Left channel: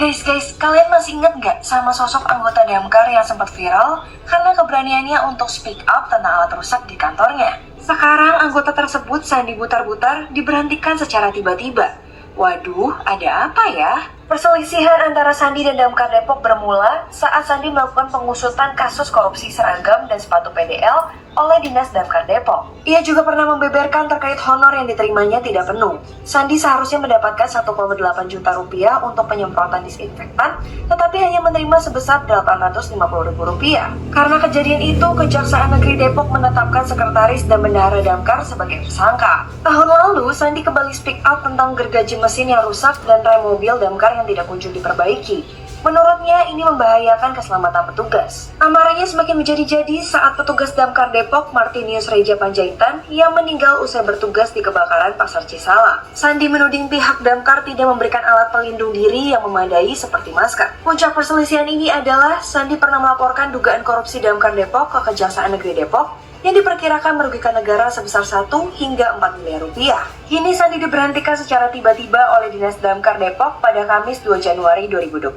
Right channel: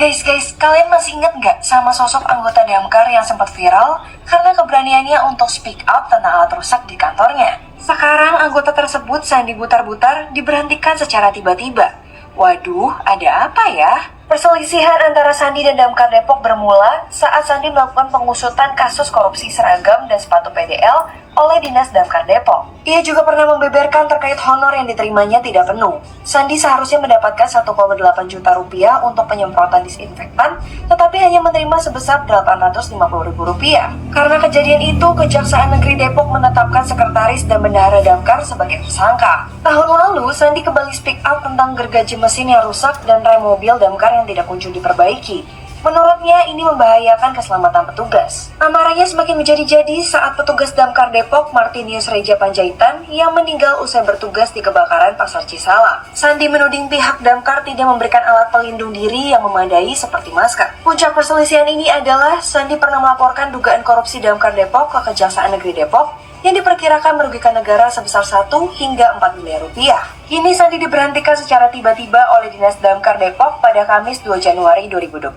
Guys, kalian masih ingat nggak sama sosok anggota Damkar yang sempat viral karena keberaniannya untuk speak up tentang alat rusak di kantornya? Sekarang anggota tersebut Sandi Butar-Butar diberhentikan secara tiba-tiba. Waduh, ada apa ya? Perselisihan antara Sandi dan Damkar Depok bermula saat Sandi melakukan pengusutan kasus korupsi seragam dan sepatu PDL oleh Dinas Damkar Depok. Ia juga pernah membeberkan terkait honor yang diterimanya tidak penuh. Sandi seharusnya mendapatkan 1,8 juta rupiah untuk penyemprotan disinfektan, tetapi hanya menerima sebesar 850 ribu rupiah. Karena kejadian itu, Kejaksaan Negeri Depok menetapkan sekretaris dan bendahara Damkar sebagai tersangka. Tahun lalu, Sandi kembali speak up tentang gergaji mesin yang rusak dan rem mobil Damkar yang tidak kunjung diperbaiki. Menurutnya, ini membahayakan keselamatan petugas. Amarahnya semakin menjadi-jadi saat petugas Damkar Depok Martinius Reja Panjaitan yang meninggal usai bertugas di kebakaran Pasar Cisalang. Sandi menuding pihak Damkar tidak memberikan alat pelindung diri yang memadai seperti masker. Puncak perselisihan ini adalah Sandi pernah melaporkan dugaan korupsi Damkar Depok ke Kejaksaan Negeri Depok yang diperkirakan merugikan negara sebesar 1 hingga 4 miliar rupiah. Kini Sandi diberhentikan secara tiba-tiba oleh Dinas Damkar Depok pada Kamis 2 Januari 2025.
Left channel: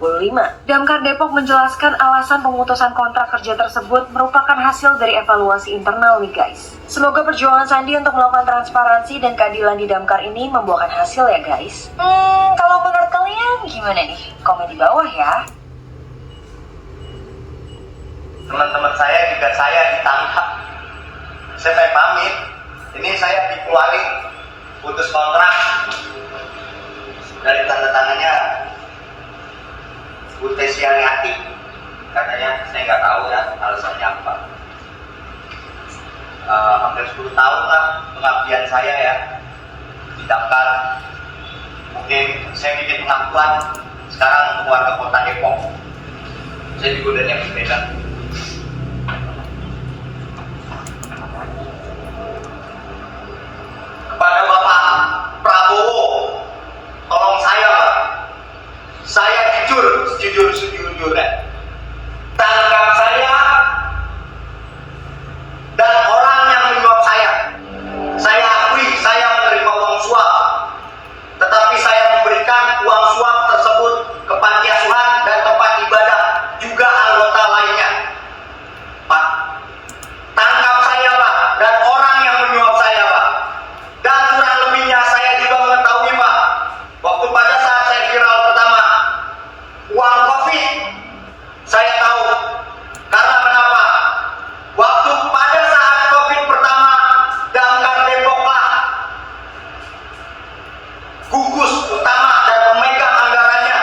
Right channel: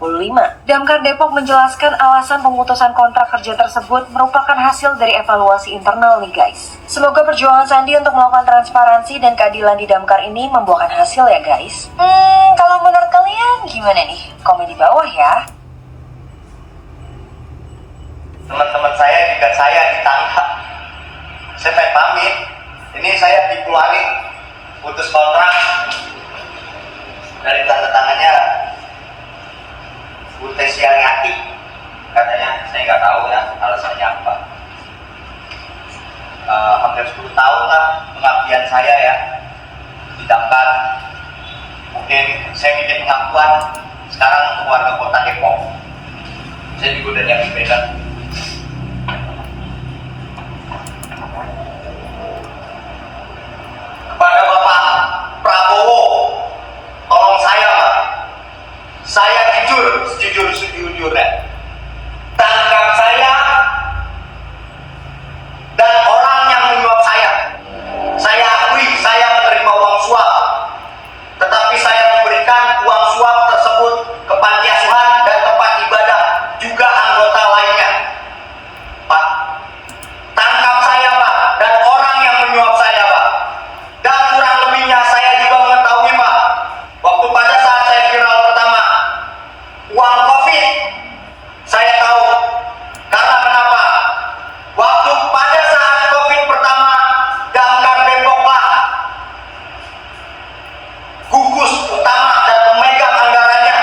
Damkar Depok menjelaskan alasan pemutusan kontrak kerja tersebut merupakan hasil dari evaluasi internal nih guys. Semoga perjuangan Sandi untuk melakukan transparansi dan keadilan di Damkar ini membuahkan hasil ya guys. Kalau menurut kalian gimana nih? Komen di bawah ya. Teman-teman saya jika saya ditangkap, saya pengen pamit. Ini saya dikeluarin, putus kontrak. Dari tanda tangannya Utesianiati, katanya. Saya nggak tahu ya alasannya apa. Hampir 10 tahun lah pengabdian saya ya di Damkar. Mungkin saya bikin pengakuan sekarang untuk warga kota Depok. Saya juga udah nyiapin beda. Kepada Bapak Prabowo, tolong saya Pak, saya jujur, sejujur-sejujurnya, tangkap saya dan orang yang menyuap saya. Saya akui saya menerima uang suap, tetapi saya memberikan uang suap tersebut ke panti asuhan dan tempat ibadah, juga anggota lainnya. Pak, tangkap saya Pak, dan orang yang menyuap saya Pak. Dan kurang lebihnya saya juga mengetahui Pak, waktu pada saat saya viral pertama, uang COVID, saya tahu. Karena kenapa? Waktu pada saat COVID pertama, Damkar Depoklah gugus utama dan memegang anggarannya.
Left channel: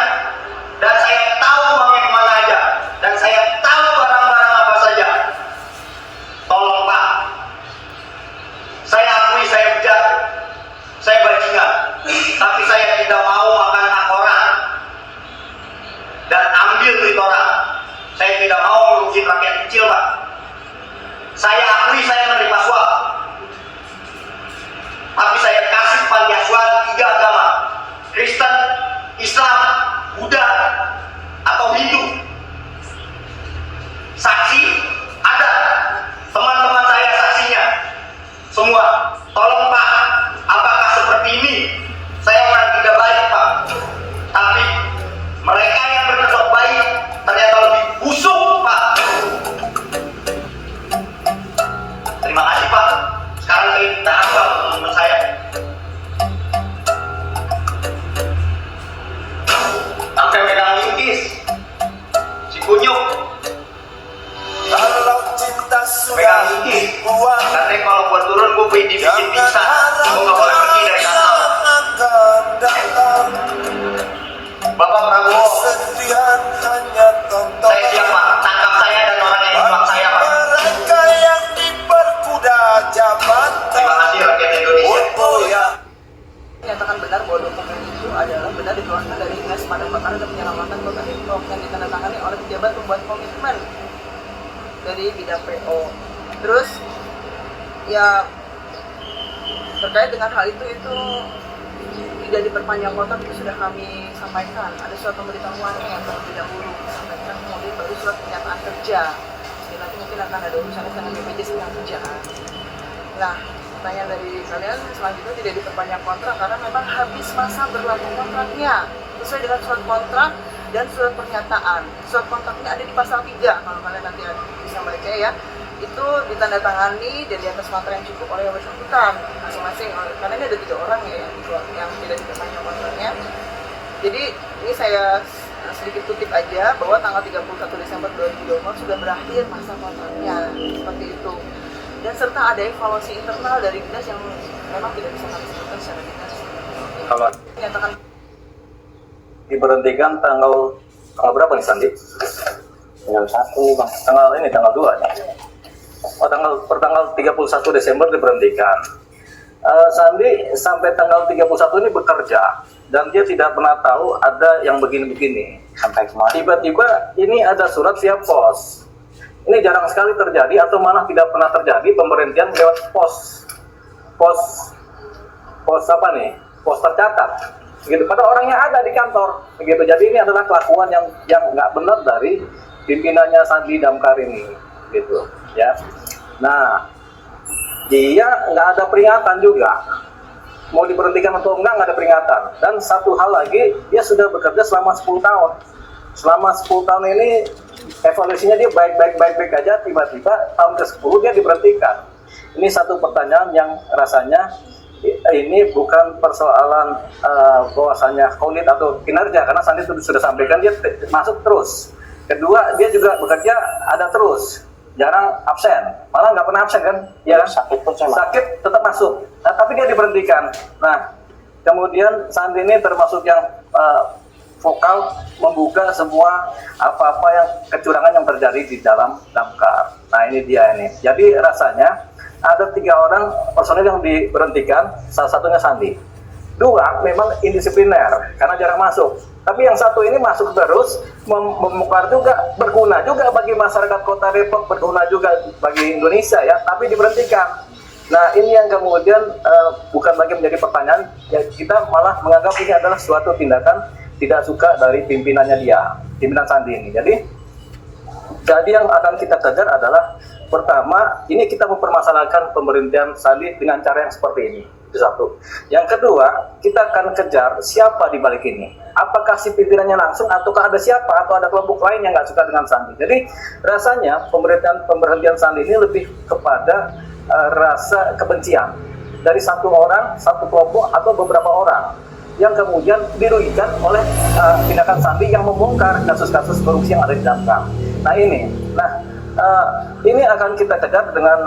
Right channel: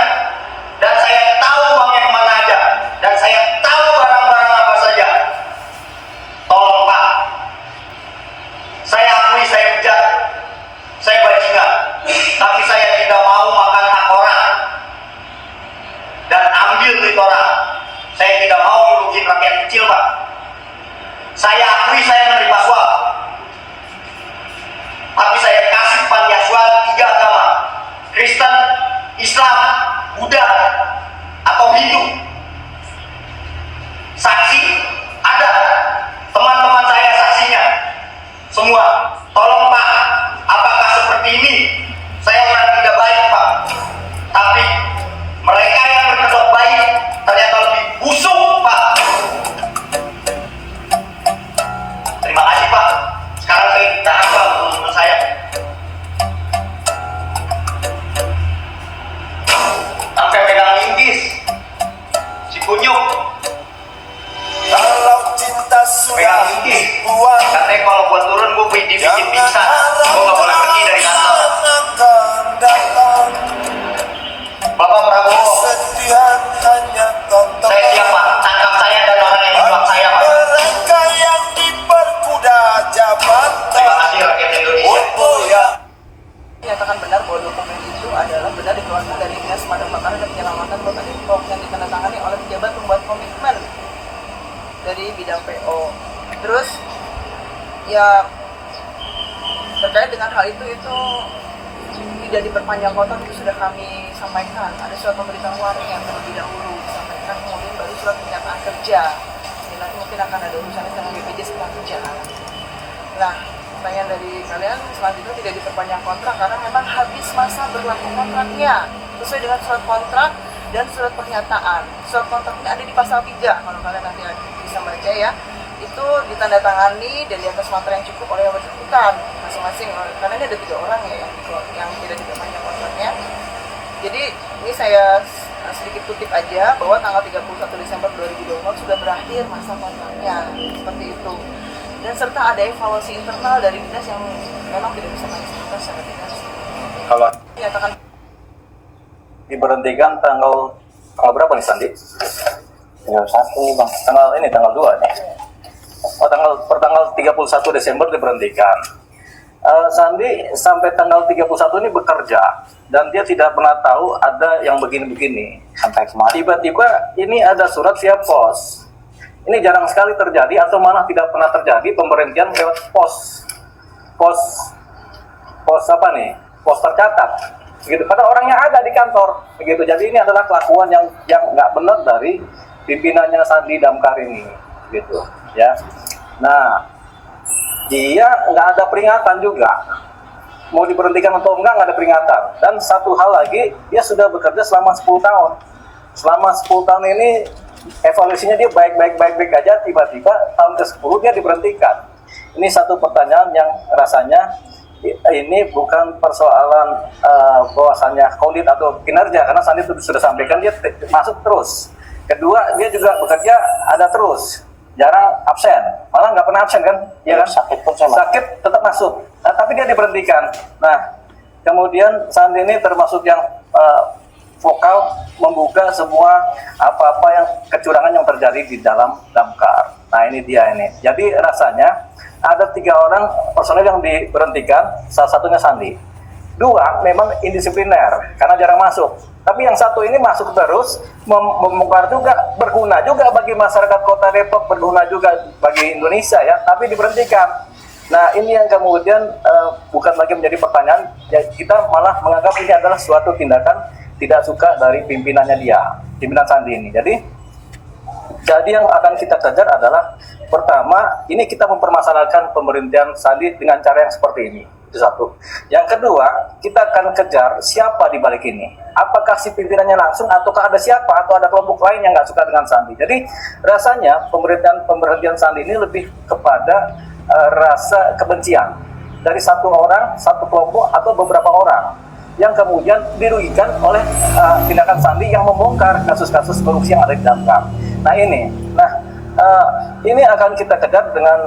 Dan saya tahu uangnya kemana aja. Dan saya tahu barang-barang apa saja. Tolong Pak, saya akui saya bejat, saya bajingan, tapi saya tidak mau makan hak orang dan ambil duit orang. Saya tidak mau merugikan rakyat kecil Pak. Saya akui saya menerima suap, tapi saya kasih panti asuhan 3 agama, Kristen, Islam, Buddha, atau Hindu. Saksi ada, teman-teman saya saksinya semua. Tolong Pak, apakah seperti ini? Saya orang tidak baik Pak, tapi mereka yang berkedok baik ternyata lebih busuk Pak. Terima kasih Pak. Sekarang saya ditahan Pak, teman-teman saya. Sampai pegang lintis, si kunyuk pegang lintis. Katanya kalau gua turun gua dibikin pingsan, gua gak boleh pergi dari kantor. Bapak Prabowo, saya siap Pak, tangkap saya dan orang yang menyuap saya Pak. Terima kasih rakyat Indonesia. Menyatakan benar bahwa dokumen itu adalah benar dikeluarkan dari Dinas Pemadam Kebakaran dan Penyelamatan Kota Depok yang ditandatangani oleh pejabat pembuat komitmen dari bidang PO. Terus ya terkait dengan hal itu tidak diperpanjang kontrak itu sudah kami sampaikan. Ada surat pemberitahuan yang terlebih dahulu disampaikan, kemudian baru surat pernyataan kerja. Jadi nanti mungkin akan ada urusannya dengan BPJS Ketenagakerjaan. Nah, pertanyaan dari kalian selanjutnya tidak diperpanjang kontrak karena memang habis masa berlaku kontraknya. Sesuai dengan surat kontrak dan surat pernyataan. Surat pernyataan ini ada di pasal 3 kalau kalian nanti bisa baca ya. Itu ditandatangani dan di atas materai yang cukup oleh yang bersangkutan masing-masing, karena ini ada 3 orang ya yang tidak dikenanya kontraknya. Jadi ini saya sedikit kutip aja bahwa tanggal 31 Desember 2024 sudah berakhir masa kontraknya, seperti itu. Dan serta ada evaluasi internal dari dinas yang memang tidak bisa kami sebutkan secara dinas. Kalau Dinyatakan diberhentikan tanggal berapa nih Sandi? Tanggal 1 nih Bang. Tanggal 2 nih. Oh, tanggal 31 Desember diberhentikan. Sandi sampai tanggal 31 ini bekerja dan dia tidak pernah tahu ada yang begini-begini. Sampai kemarin. Tiba-tiba ini ada surat via pos. Ini jarang sekali terjadi atau malah tidak pernah terjadi pemberhentian lewat pos. Pos apa nih? Pos tercatat. Begitu. Karena orangnya ada di kantor. Begitu. Jadi ini adalah kelakuan yang nggak benar dari pimpinannya Sandi Damkar ini. Gitu. Ya. Nah, dia nggak ada peringatan juga. Mau diberhentikan atau nggak ada peringatan. Dan satu hal lagi, dia sudah bekerja selama 10 tahun. Selama 10 tahun ini evaluasinya dia baik-baik aja, tiba-tiba tahun ke-10 dia diberhentikan. Ini satu pertanyaan yang rasanya ini bukan persoalan bahwasanya kondit atau kinerja, karena Sandi sudah sampaikan dia masuk terus. Kedua, dia juga bekerja ada terus, jarang absen, malah nggak pernah absen kan? Ya, sakit pun saya sakit tetap masuk. Nah, tapi dia diberhentikan. Nah, kemudian Sandi ini termasuk yang vokal membuka semua apa-apa yang kecurangan yang terjadi di dalam Damkar. Nah, ini dia ini. Jadi rasanya ada 3 orang personel yang diberhentikan, salah satunya Sandi. 2 memang indisipliner karena jarang masuk. Tapi yang satu ini masuk terus, membongkar juga, berguna juga bagi masyarakat Kota Depok, berguna juga bagi Indonesia ya. Tapi diberhentikan. Nah, ini yang kemudian bukan lagi menjadi pertanyaan, ya kita malah menganggap ini adalah suatu tindakan tidak suka dari pimpinannya dia, pimpinan Sandi ini. Jadi yang akan kita kejar adalah pertama, ini kita mempermasalahkan pemerintahan Sandi dengan cara yang seperti ini. Itu satu. Yang kedua, kita akan kejar siapa di balik ini. Apakah si pimpinannya langsung ataukah ada siapa atau ada kelompok lain yang nggak suka dengan Sandi. Jadi rasanya pemberhentian Sandi ini lebih kepada rasa kebencian dari satu orang, satu kelompok atau beberapa orang yang kemudian dirugikan oleh tindakan Sandi yang membongkar kasus-kasus korupsi yang ada di Damkar. Nah ini, ini akan kita kejar dengan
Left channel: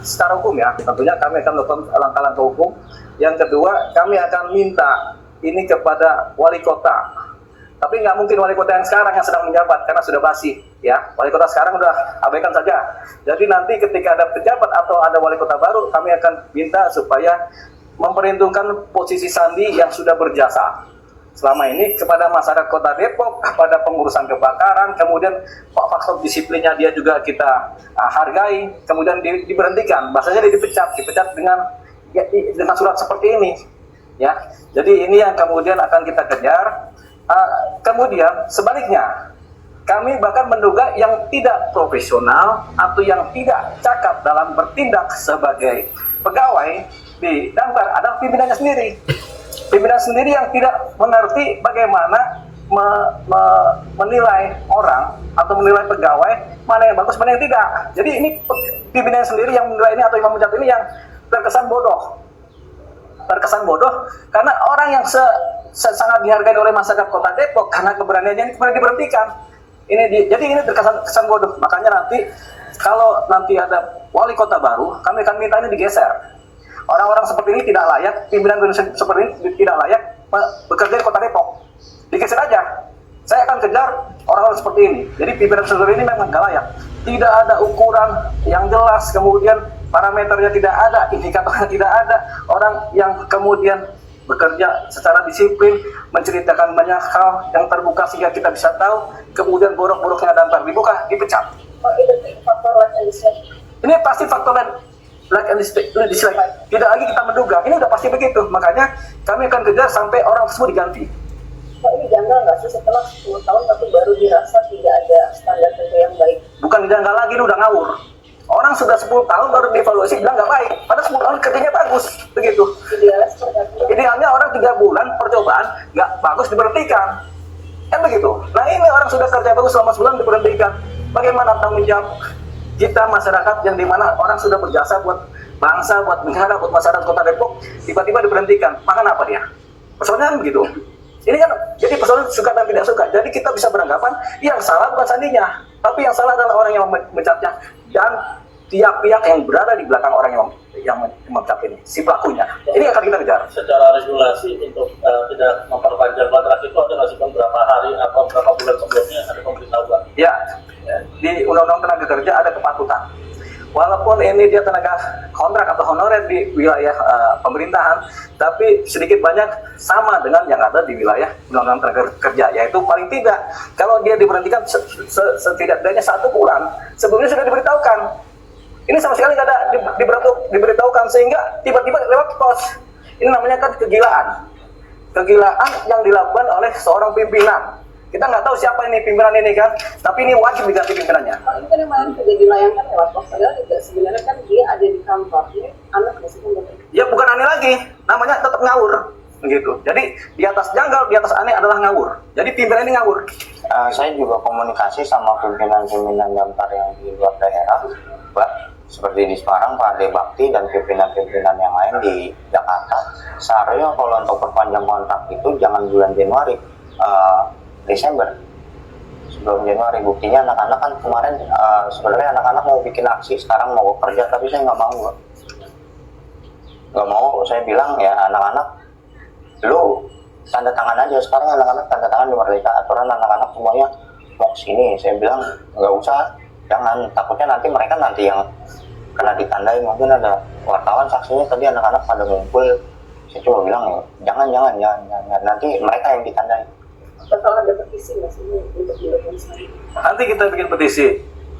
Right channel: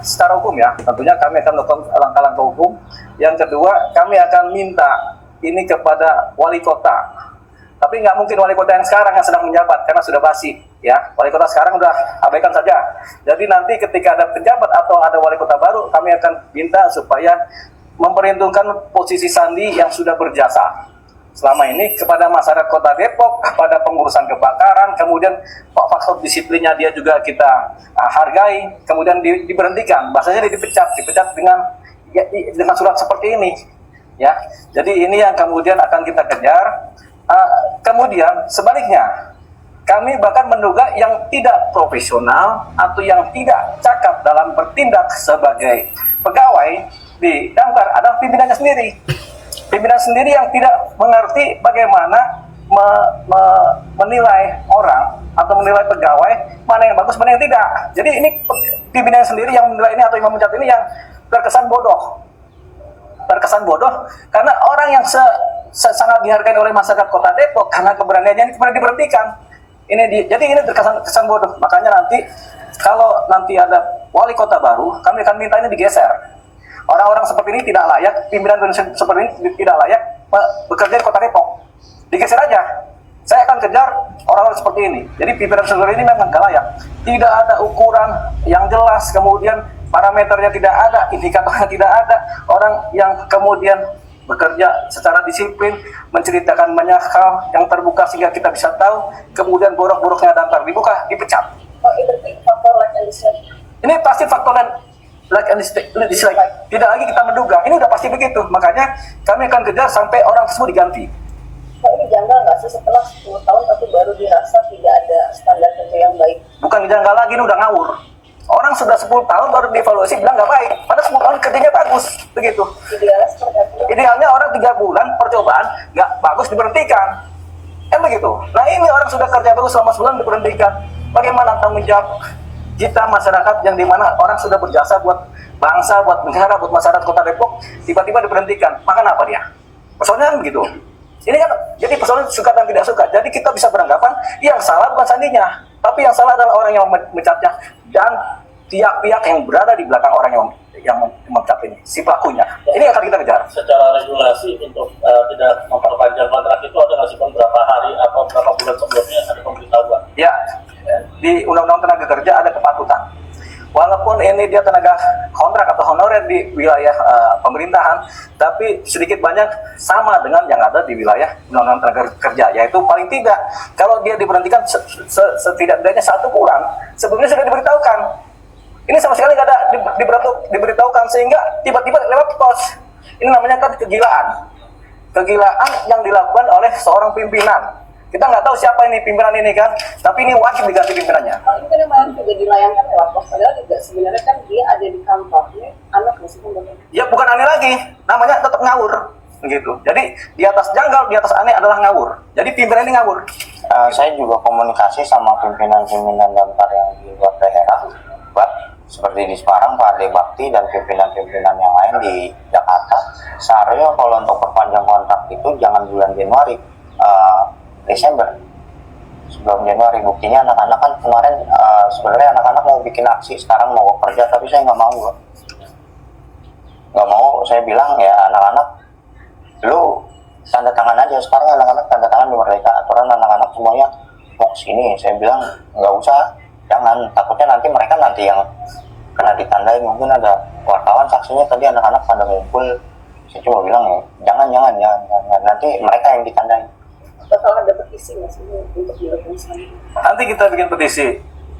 secara hukum ya. Tentunya kami akan melakukan langkah-langkah hukum. Yang kedua, kami akan minta ini kepada wali kota. Tapi nggak mungkin wali kota yang sekarang yang sedang menjabat karena sudah basi ya. Wali kota sekarang udah abaikan saja. Jadi nanti ketika ada pejabat atau ada wali kota baru, kami akan minta supaya memperhitungkan posisi Sandi yang sudah berjasa selama ini kepada masyarakat Kota Depok, kepada pengurusan kebakaran, kemudian faktor disiplinnya dia juga kita hargai, kemudian diberhentikan, bahasanya dia dipecat dengan surat seperti ini, ya. Jadi ini yang kemudian akan kita kejar. Kemudian sebaliknya, kami bahkan menduga yang tidak profesional atau yang tidak cakap dalam bertindak sebagai pegawai di Damkar adalah pimpinannya sendiri. Pimpinan sendiri yang tidak mengerti bagaimana menilai orang atau menilai pegawai mana yang bagus, mana yang tidak. Jadi ini pimpinan sendiri yang menilai ini atau yang memecat ini yang terkesan bodoh. Terkesan bodoh karena orang yang sangat dihargai oleh masyarakat Kota Depok karena keberaniannya ini kemudian diberhentikan. Jadi ini terkesan bodoh. Makanya nanti kalau nanti ada wali kota baru, kami akan minta ini digeser. Orang-orang seperti ini tidak layak, pimpinan seperti ini tidak layak bekerja di Kota Depok. Digeser aja. Saya akan kejar orang-orang seperti ini. Jadi pimpinan seperti ini memang tidak layak. Tidak ada ukuran yang jelas, kemudian parameternya tidak ada, indikatornya tidak ada. Orang yang kemudian bekerja secara disiplin, menceritakan banyak hal yang terbuka sehingga kita bisa tahu, kemudian borok-boroknya Damkar dibuka, dipecat. Ini pasti faktor like and dislike. Tidak lagi kita menduga, ini udah pasti begitu. Makanya kami akan kejar sampai orang tersebut diganti. Kok ini janggal nggak sih setelah 10 tahun tapi baru dirasa tidak ada standar kerja yang baik? Bukan janggal lagi, ini udah ngawur. Orang sudah 10 tahun baru dievaluasi bilang nggak baik, padahal 10 tahun kerjanya bagus, begitu. Idealnya seperti apa? Idealnya orang 3 bulan percobaan nggak bagus diberhentikan. Kan begitu. Nah ini orang sudah kerja bagus selama sebulan diberhentikan. Bagaimana tanggung jawab kita masyarakat yang dimana orang sudah berjasa buat bangsa, buat negara, buat masyarakat Kota Depok, tiba-tiba diberhentikan. Makan apa dia? Persoalannya kan begitu. Ini kan jadi persoalan suka dan tidak suka. Jadi kita bisa beranggapan yang salah bukan sandinya, tapi yang salah adalah orang yang mencatnya dan pihak-pihak yang berada di belakang orang yang memecat ini, si pelakunya. Ini yang akan kita kejar. Secara regulasi untuk tidak memperpanjang kontrak itu ada nggak sih berapa hari atau berapa bulan sebelumnya ada pemberitahuan? Ya, di Undang-Undang Tenaga Kerja ada kepatutan. Walaupun ini dia tenaga kontrak atau honorer di wilayah pemerintahan, tapi sedikit banyak sama dengan yang ada di wilayah Undang-Undang Tenaga Kerja, yaitu paling tidak kalau dia diberhentikan setidaknya 1 bulan sebelumnya sudah diberitahukan. Ini sama sekali nggak ada diberitahukan, sehingga tiba-tiba lewat pos. Ini namanya kan kegilaan yang dilakukan oleh seorang pimpinan. Kita nggak tahu siapa ini pimpinan ini kan, tapi ini wajib diganti pimpinannya. Kalau ini kan yang kemarin juga dilayangkan lewat pos, padahal juga sebenarnya kan dia ada di kantor. Ini anak meskipun Ya bukan aneh lagi, namanya tetap ngawur, gitu. Jadi di atas janggal, di atas aneh adalah ngawur. Jadi pimpinan ini ngawur. Saya juga komunikasi sama pimpinan-pimpinan damkar yang di luar daerah, Pak, seperti di Semarang, Pak Ade Bakti dan pimpinan-pimpinan yang lain di Jakarta. Seharusnya kalau untuk perpanjang kontrak itu jangan bulan Januari, Desember, sebelum Januari. Buktinya anak-anak kan kemarin sebenarnya anak-anak mau bikin aksi, sekarang mau kerja, tapi saya nggak mau. Nggak mau, saya bilang ya anak-anak, lu tanda tangan aja. Sekarang anak-anak tanda tangan di Merdeka, aturan anak-anak semuanya mau kesini. Saya bilang nggak usah, jangan, takutnya nanti mereka yang kena ditandain. Mungkin ada wartawan saksinya tadi anak-anak pada ngumpul. Saya cuma bilang ya jangan, nanti mereka yang ditandain. kalau ada petisi nggak sih untuk diorganisasi? Nanti kita bikin petisi,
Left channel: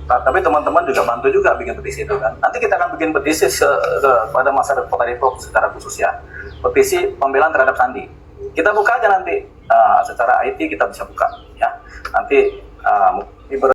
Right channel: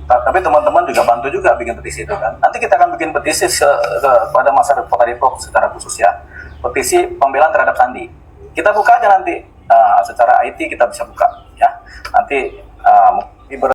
tapi teman-teman juga bantu juga bikin petisi itu kan. Nanti kita akan bikin petisi kepada masyarakat Kota Depok secara khusus ya, petisi pembelaan terhadap Sandi. Kita buka aja nanti secara IT kita bisa buka ya. Nanti